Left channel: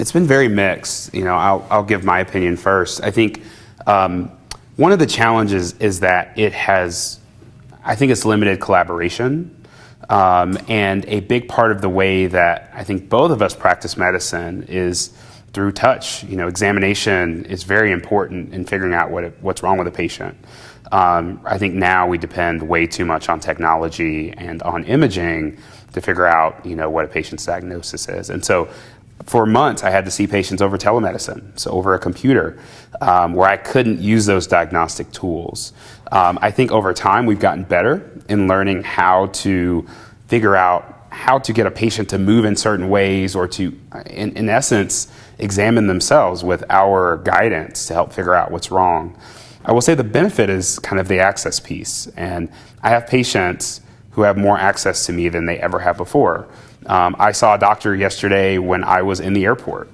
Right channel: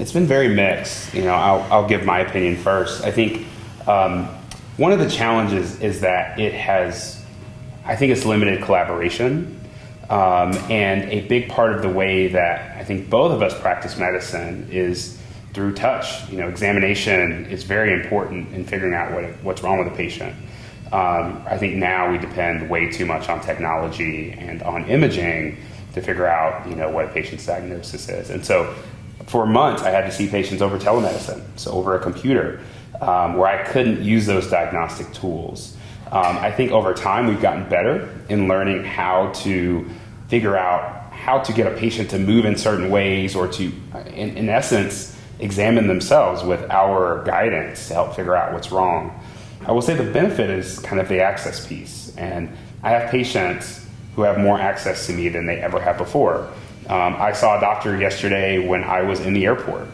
It's been very mixed. I'll give my opinion first. I think one of the challenges is that I think it's limited collaboration. And a big part of the way that I think both of us practice medicine is through touch. Examination is very important in figuring out what's wrong with a patient. I think now we depend way too much on technology and on imaging to figure out, what a patient's diagnosis is. And so for months, I had to see patients over telemedicine, so over a computer, where I couldn't use those diagnostic tools. I think over time, we've gotten better in learning how to figure out how to get a patient to move in certain ways, or to, in essence, examine themselves with our guidance to help figure out what's wrong. I will say the benefit is kind of the access piece. And I have patients who have more access to me than they ever have before. I saw a doctor yesterday when I was in the airport,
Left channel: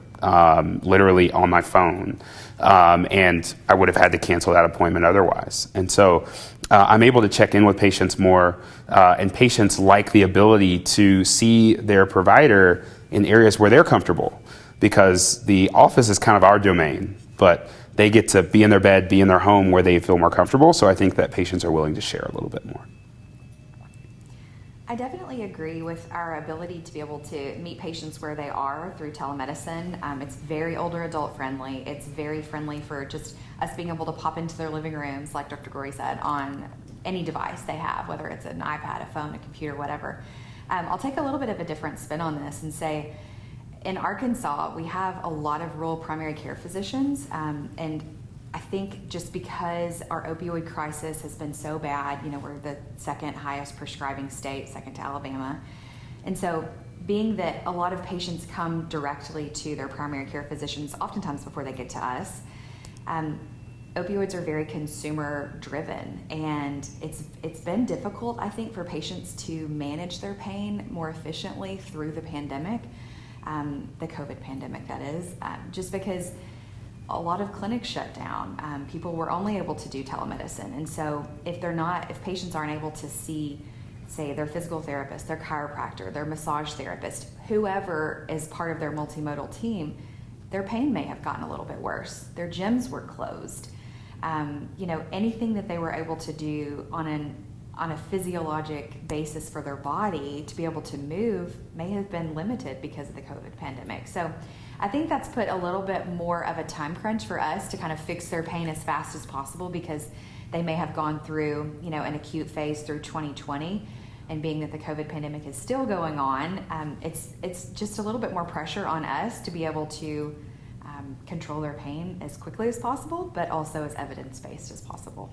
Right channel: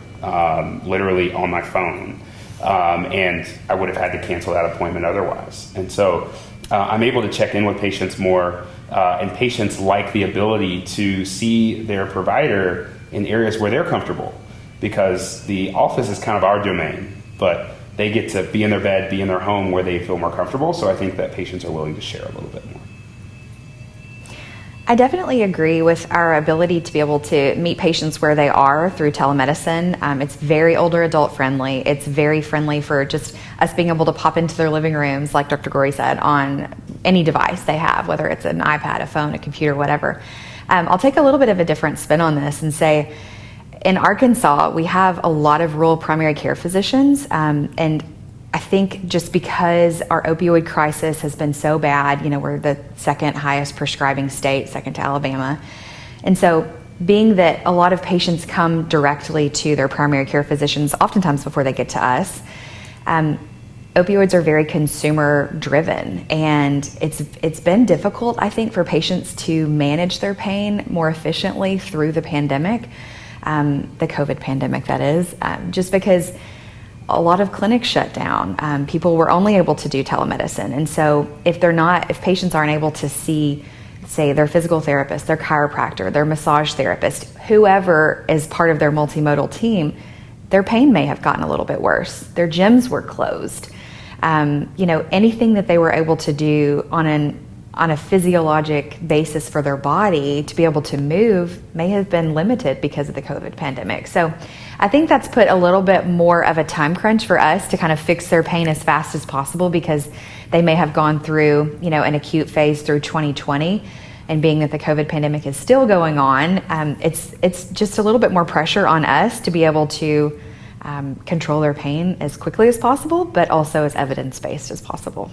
literally on my phone. And I would have had to cancel that appointment otherwise. And so I'm able to check in with patients more, and patients like the ability to see their provider in areas where they're comfortable, because the office is kind of our domain, but they get to be in their bed, be in their home where they feel more comfortable. So I think that patients are willing to share a little bit more. I definitely agree with our ability to be able to meet patients where they are through telemedicine. It's very older adult friendly. It's very friendly for just us being able to pop into their living rooms, like Dr. Goree said, on any device they have, whether it's an iPad, a phone, a computer, whatever. I'll take a little bit of a different spin on this and say, in Arkansas, we have a lot of rural primary care physicians, and I think just because our opioid crisis has been so bad, we're the second highest prescribing state, second to Alabama. And so being that a lot of patients come directly to their primary care physicians, oftentimes before they get to us, opioids are very consumer driven, and it's been difficult, I think, for patients to manage their pain more efficiently through the pandemic, the COVID pandemic, that is, just because a lot of clinics shut down. People were only able to do telemedicine. And so if patients aren't able to see, say, their physical therapist, their chiropractor, their massage therapist, whoever is part of their multimodal team, their pain may have gotten a little bit worse. Their gyms were closed. Anything that they were able to do on a physiologic basis for their body to be able to move may have been limited because of the COVID pandemic. So I think that's put a little bit more of a time crunch for us to kind of fix their pain as fast as possible, because they may have gone through, an acute phase through 2020. And being that the COVID pandemic is still going on, it's just a little bit more pressure on us to be able to control their pain as quickly as possible, but also as evidence-based as possible.